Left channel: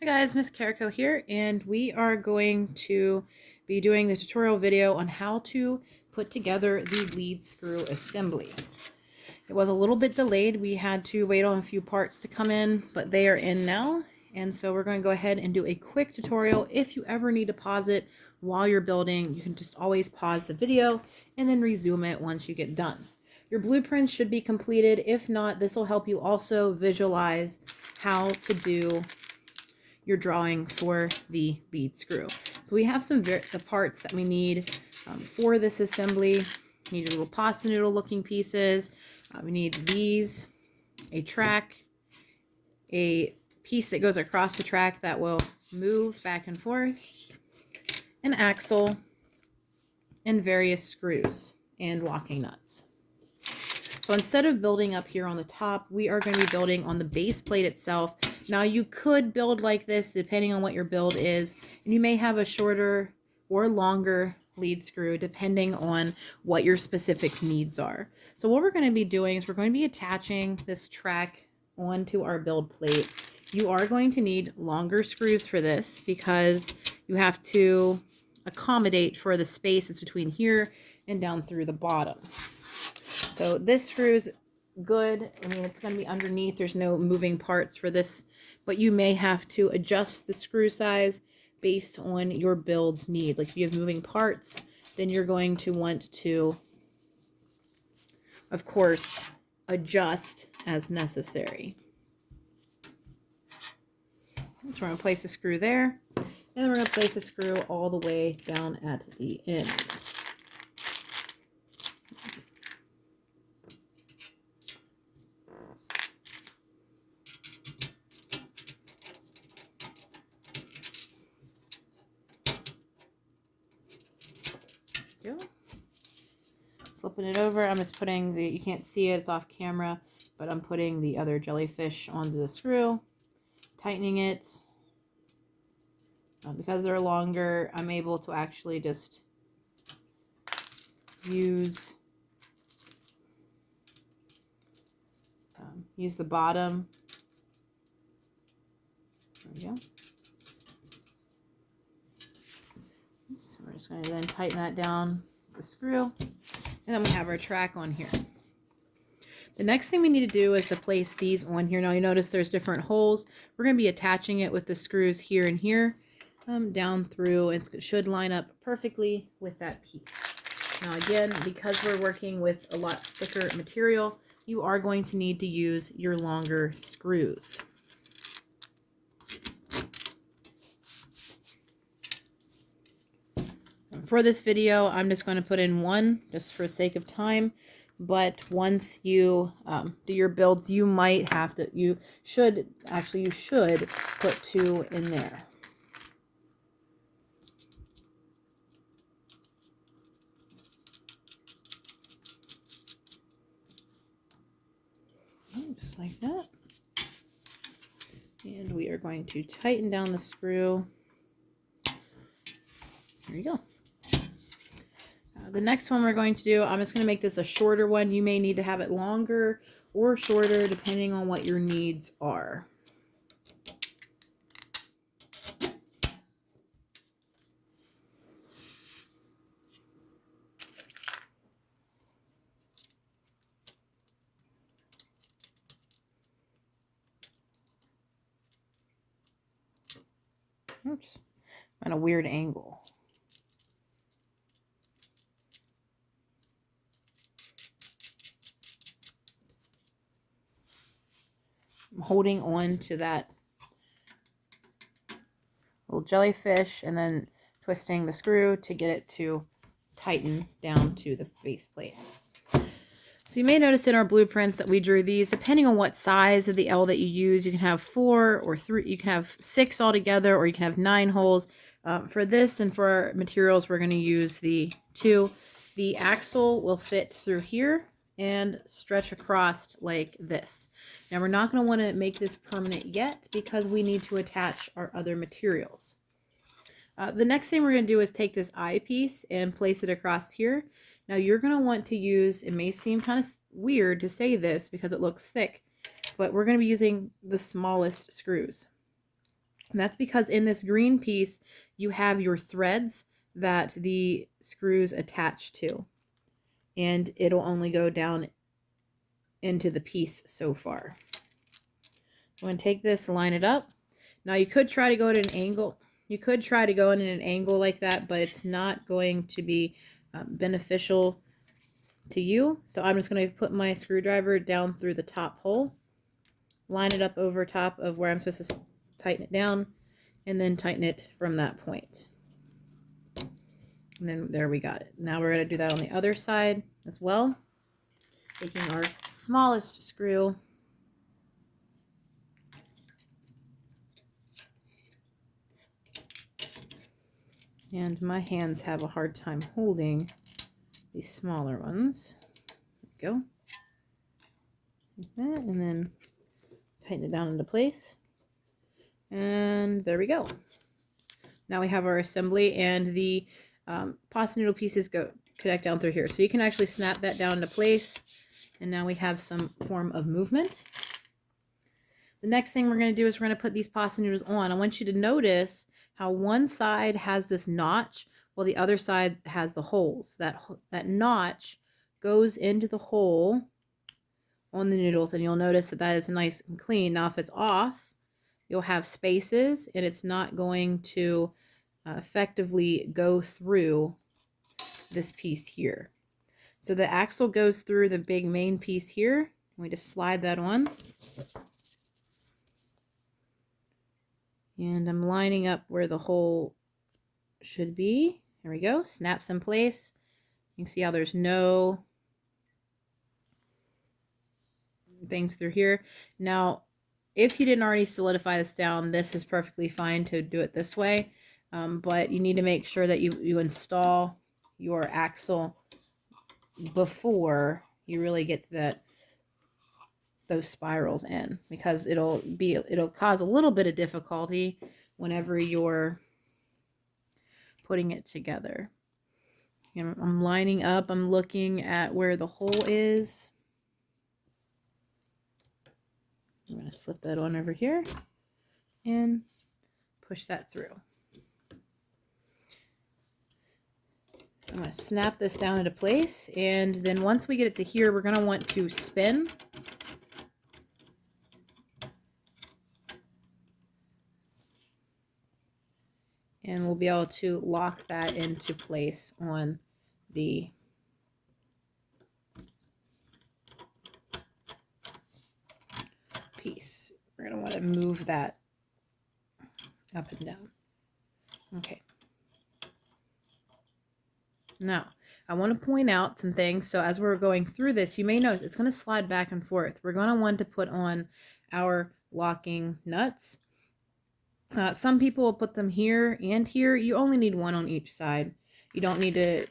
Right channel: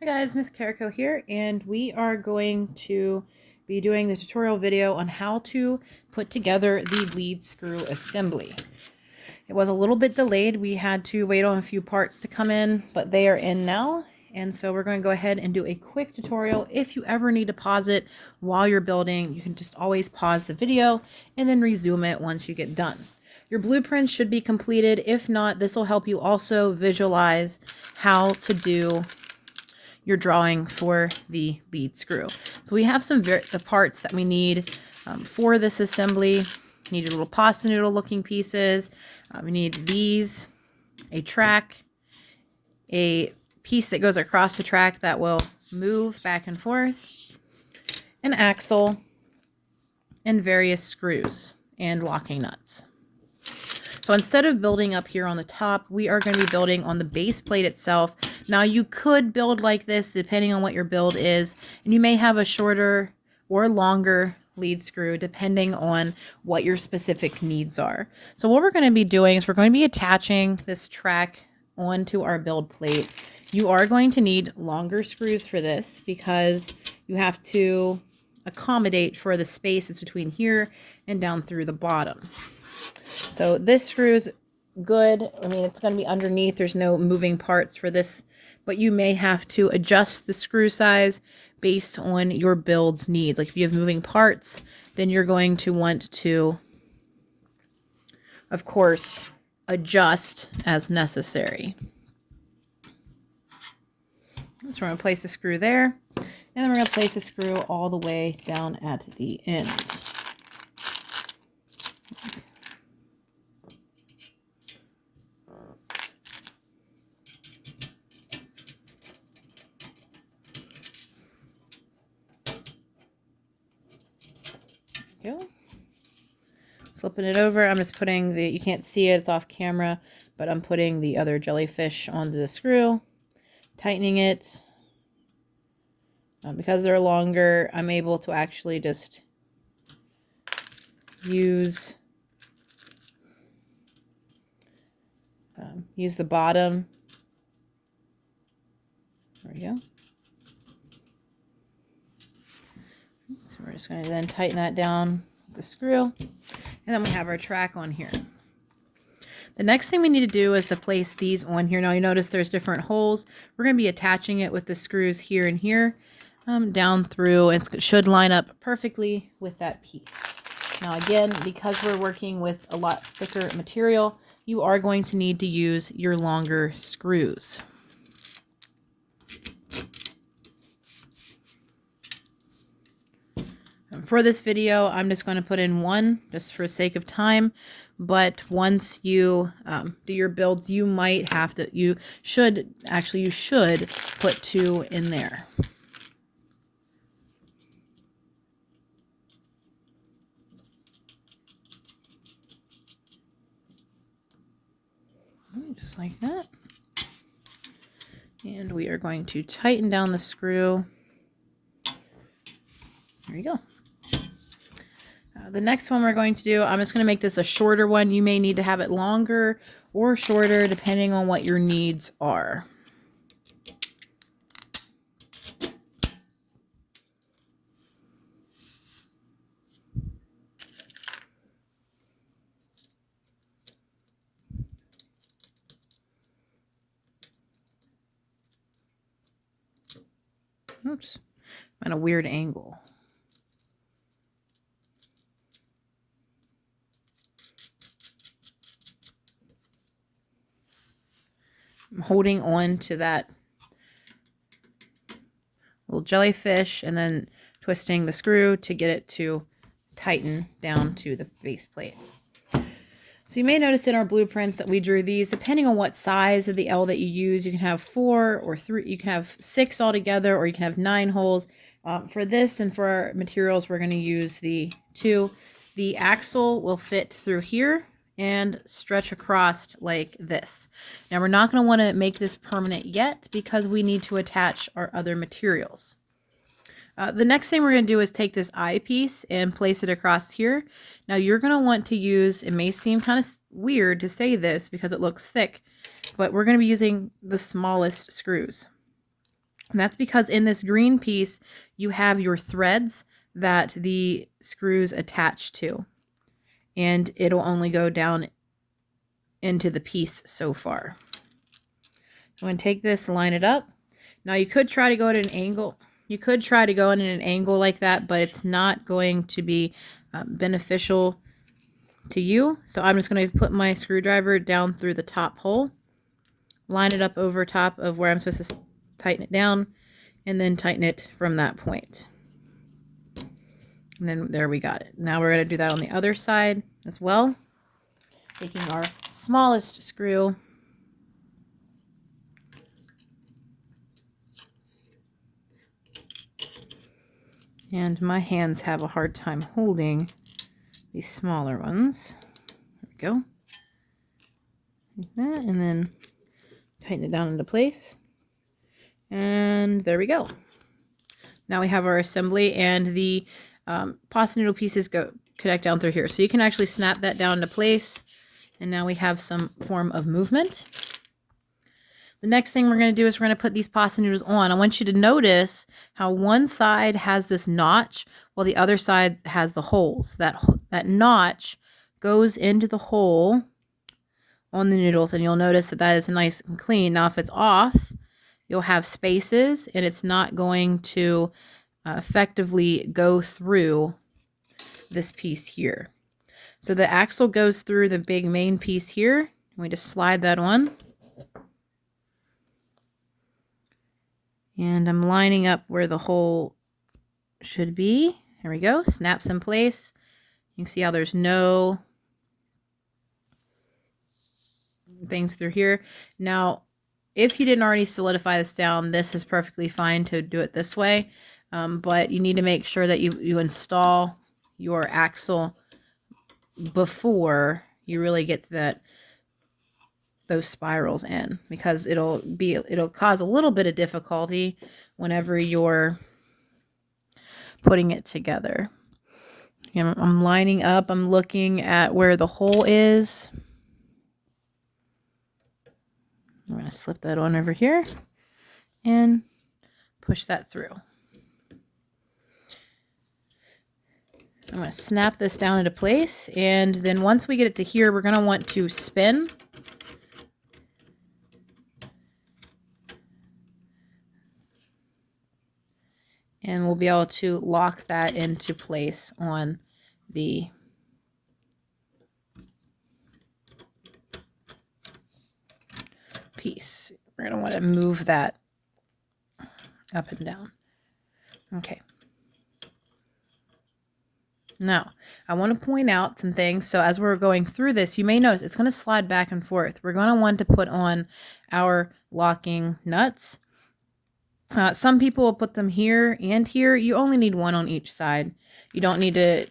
Hi guys, Miss Carico here, and we are going to be doing the tutorial video on how to put together the lead screw assembly. It was a little bit delayed. We had to wait on a few parts to come in, but they are in now. And so we're going to go ahead and do a quick tutorial. If you ever need to pause it while you're building, you can just always pause the video and then resume it once you get done. Your blueprint should be completed. If not, this will help you also visualize how to do your drawing for the lead screw. So we have the parts that we need for this assembly. We need a little pasta noodle looking pieces. We need these, a track, a piece that goes across the track that will move back and forth, an axle, and various screws and locking nuts. So instead of building up here on the top, we are going to be building on the base plate itself. Now you could build like this depending on what your build is, and you may have a shorter or longer lead screw depending on what your specific needs are. So what we're going to be doing is we're going to be attaching this track onto our build plate. You are going to need longer screws for this because you have to accommodate for the spaces between here and down through the bottom. So this screw is good. I mean, it's going to be underneath. There's no moving parts for this, but you may have to adjust the screw size based on your build's needs. Like if you have moving parts, then you're going to want to, of course, adjust as necessary. So we're going to place a screw there, and then we're going to place a screw all the way down at the end. Go. Flipping it over, I'm just putting the, you can't see it, it's off camera, but I'm putting the other jellyfish onto the screw, tightening it. Because they're longer, I'm able to actually just use the bottom. There we go. So we're just going to then tighten that down with the screw, and then we have our track on here. The next thing we need to do is to place these on here. Now you notice there's different holes. We're going to be attaching it with the screws here and here down through, and it should line up perfectly with that piece. Now again, because we're working with a lot thicker material, you are going to need to use your longer screws. For this video, I'm just going to put in one just for sake of time. But once you do your builds, you might have to, you should put two in there. Just like that. And we are going to tighten down the screw. There you go. The next one we're going to do, I'm just going to make this a shorter one. You may need to have it longer or shorter depending on what your needs are. Oops, I'm at a weird angle. I'm holding on to that little jellyfish and then twisting the screw to get it to tighten down to the base plate. So you may notice in our blueprints that we drew these, depending on what size of the L that you use, you can have 4 or 3, you can have 6 altogether, or you can have 9 holes. For this and for our materials, we're going to use the 2. The axle will fit through here and stretch across like this. Now we're not going to want to make this permanent yet because we need to attach our other materials. The next thing we're going to do is take this eyepiece and place it across here. Now you're going to want to use, it may seem kind of weird to say this because it looks thick, but we're going to be using the smallest screws. And that's because in this green piece, you have your threads that the screws attach to. And it'll only go down into the piece so far. I'm going to take this, line it up. Now you could try to go at an angle. You could try to go in an angle like that, but it's not going to be beneficial to you. So I'm just going to put my screwdriver down through the top hole, line it up over top of where I'm supposed to tighten it down, and then tighten it from that point. And then there we got it. Now we're going to do that on the other side as well. Taking our smallest screw, and my hands have a hard time holding these smaller ones. There we go. Like that, and then tighten it down into place. And there we go. Now we have our assembly, and the pasta noodle pieces connect down through here. So you can actually snap that down into place, and now we have some form of movement. The next thing we're going to do is we're going to put these pasta noodles on. I want you to notice how one side has this notch while the other side has the holes. That notch goes into the hole on the noodles, and you'll notice that is nice and clean. Now if it's off, you'll have spaces, and it's not going to effectively go through this piece here. So the axle goes through the big main piece here. We just slide that on. And I'm lining up where the hole should be. There we go. Snaps in place. You can see how there's no things through here. Now, if you didn't already solidify this down, this is perfectly fine to do it this way. But you need to make sure that you install your axle before you really get those spirals in, because it'll cause a little bit of difficulty whenever you're putting it together. I'm lining up, I'm looking at where the hole is. I'm going to slip that on over here and push that through. I'm going to snap this down into place, and then once we get it to here, we're going to want to spin. And we'll be able to lock that into place on the piece. We're going to want to move that up and down. Okay. Now, I want to point out some things. So as we're going through this, you may notice it's going to slide back and forth. We're going to want to put on our locking nuts. Some people will put them here and here. You only need one on each side. You don't need to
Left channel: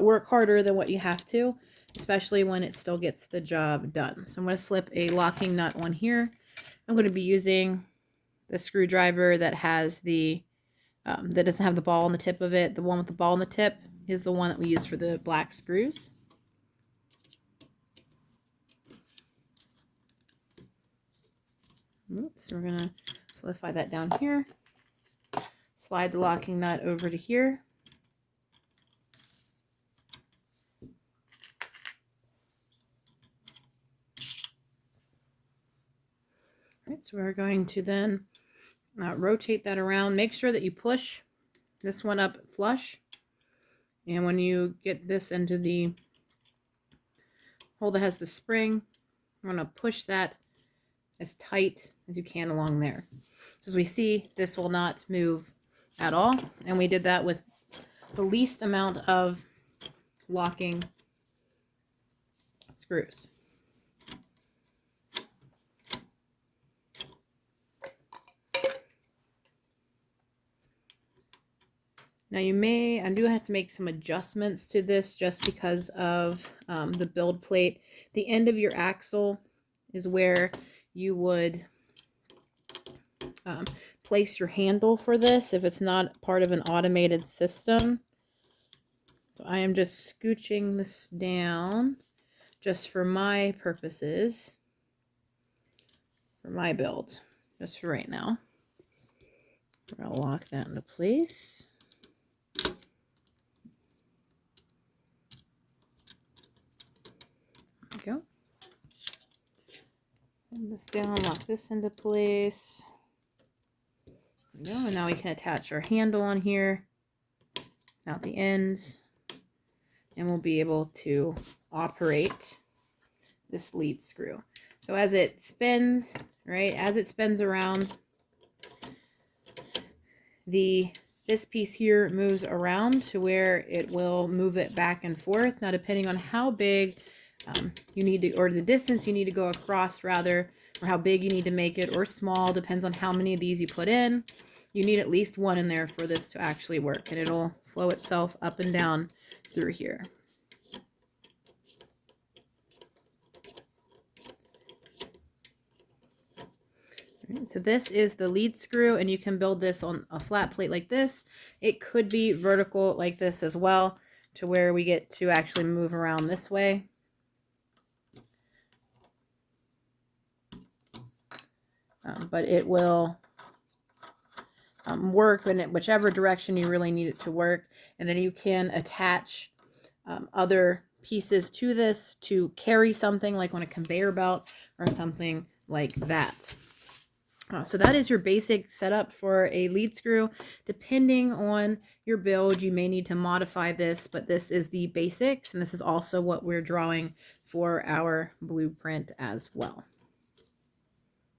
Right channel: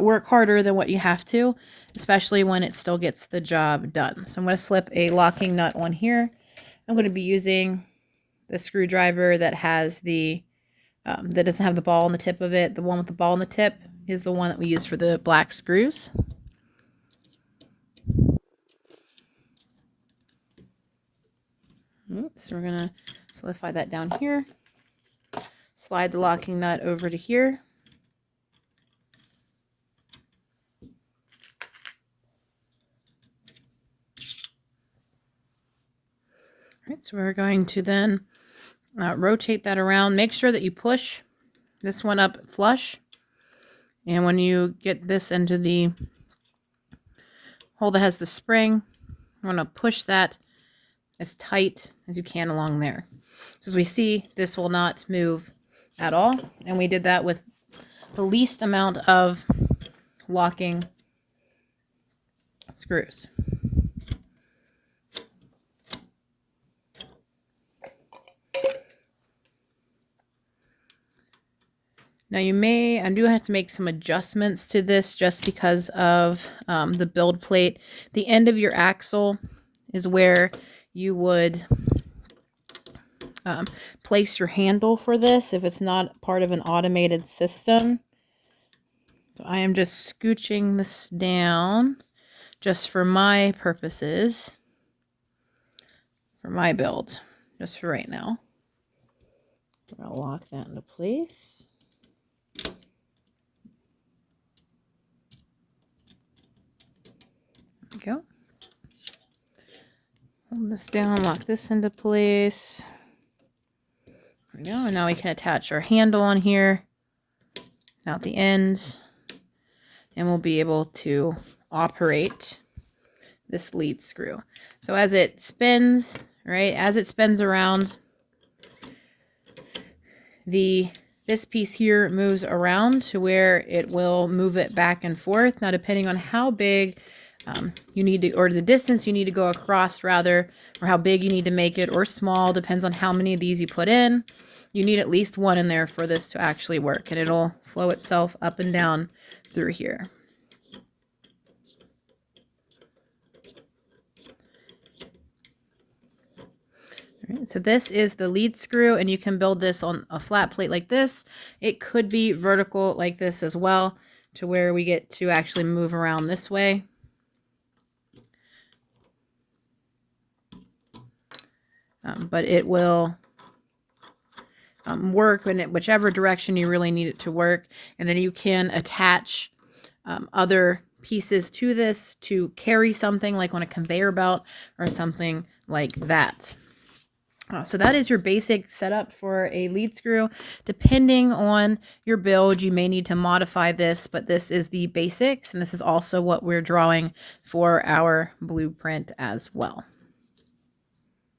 work harder than what you have to, especially when it still gets the job done. So I'm going to slip a locking nut on here. I'm going to be using the screwdriver that has the that doesn't have the ball on the tip of it. The one with the ball on the tip is the one that we use for the black screws. So we're going to solidify that down here. Slide the locking nut over to here. All right, so we're going to then rotate that around. Make sure that you push this one up flush. And when you get this into the hole that has the spring, I'm going to push that as tight as you can along there. So as we see, this will not move at all. And we did that with the least amount of locking screws. Now I do have to make some adjustments to this just because of the build plate. The end of your axle is where you would place your handle for this if it's not part of an automated system. So I am just scooching this down just for my purposes, for my build, just for right now. I'll lock that into place. There we go. Hold this down, lock this into place. There we go. And now we can attach our handle on here out the end, and we'll be able to operate this lead screw. So as it spins, right, as it spins around, this piece here moves around to where it will move it back and forth. Now, depending on how big you need to, or the distance you need to go across rather, or how big you need to make it, or small, depends on how many of these you put in. You need at least one in there for this to actually work, and it'll flow itself up and down through here. All right, so this is the lead screw, and you can build this on a flat plate like this. It could be vertical like this as well, to where we get to actually move around this way. But it will work in whichever direction you really need it to work. And then you can attach other pieces to this to carry something like on a conveyor belt or something like that. So that is your basic setup for a lead screw. Depending on your build, you may need to modify this, but this is the basics, and this is also what we're drawing for our blueprint as well.